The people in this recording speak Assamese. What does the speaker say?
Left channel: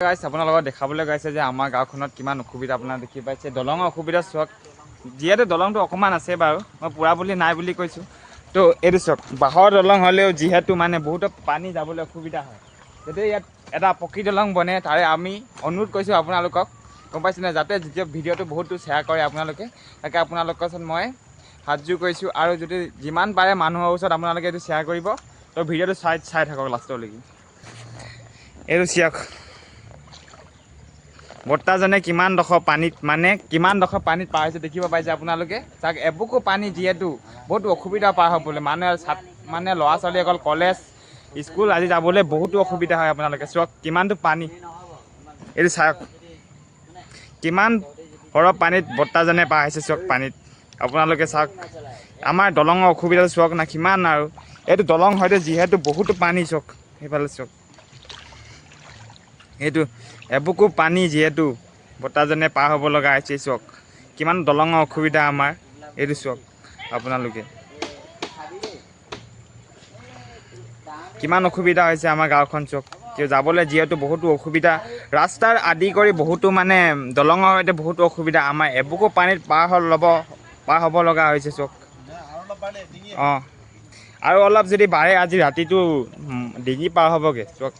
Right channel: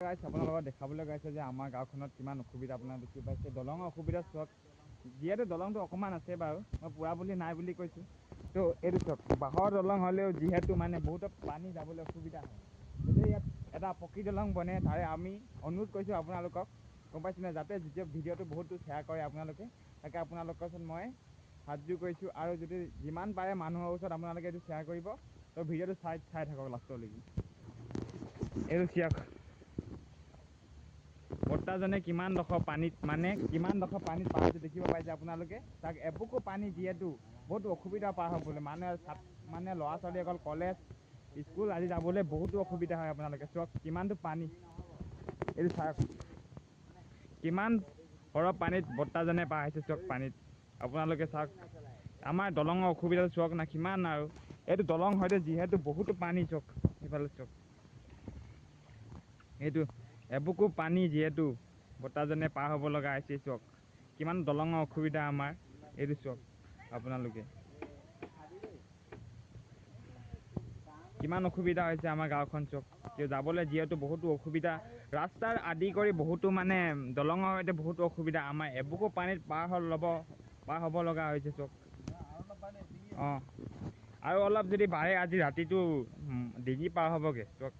গাইছ আপোনালোকক দেখাবলৈ গাইছে যে আমাৰ গাঁওখনত কিমান অসুবিধা আপোনাৰ দেখি পাইছে দলঙৰ অসুবিধা চাওক যিহেতু দলংটো অকণমান আছে বাৰু মই পুৰা বুলি নাই বুলি কৈছোঁ তো এইটো চাওক বাঁহৰ দলং হ'লেও যিহেতু মানে বহুতো পানী যাবলৈ অসুবিধা হয় যদি ইয়াত এটা পকী দলং বনে তাৰে আমি অনুৰোধ কৰিছোঁ আপোনালোকক গম পাইছেনে যাতে যেতিয়া ভিডিঅ'টো বহুতো শ্বেয়াৰ কৰে আপোনালোকে তাকে আপোনালোকৰ ওচৰত মই হাতযোৰ কৰিছোঁ আৰু যদি যিমান পাৰে মানুহৰ ওচৰত আপোনালোকে এইটো শ্বেয়াৰ কৰিব তো ভিডিঅ'টো চাই থাকক লাষ্টলৈকে এইটো চাওক বৰ্তাজনে কিমান ডোখৰ পানীত পাৰ হৈছে দেখিব পাইছে আপোনালোকে তাক এবুকু পানী যিহেতু বহুতো অসুবিধা পাৰ হ'বলৈ মানে ল'ৰা ছোৱালী অকল কলেজ স্কুল আজি যাবলৈ বহুতো অসুবিধা হয় আপোনালোকে চাওক কিমানটো পানী এইটো চাওক কিমান সৰহ পানীত বৰ্তাজনে পাৰ হৈছে চাওক পানীত আপোনালোকে চাওক আমাৰ দলঙৰ অসুবিধা চাওক না কিমান আৰু এইটো দলং হয়তো যিহেতু বহুতো পানী চাওক সেইফালে চাওক এইটো এবুকু পানী যিহেতু বৰ্তাজনে পাৰ হ'ব লগা হৈছে চাওক কিমান দলঙৰ অসুবিধা আমাৰ এইটো চাওক আপোনালোকে কিমান অসুবিধা হৈছে আমাৰ গাঁওখন চাওক যাবলৈ যিহেতু বহুতো অসুবিধা ৰাস্তাৰ আদি কৰি বহুতো মানে দলঙৰ সৈতে বহুতো অসুবিধা আমাৰ এবুকু পানীত পাৰ হ'ব লগা হৈছে চাওক অঁ আৰু অলপ যদি বাঢ়ে আজি ৰাতিটো ডিঙি পাৰ হ'বগৈ চাওক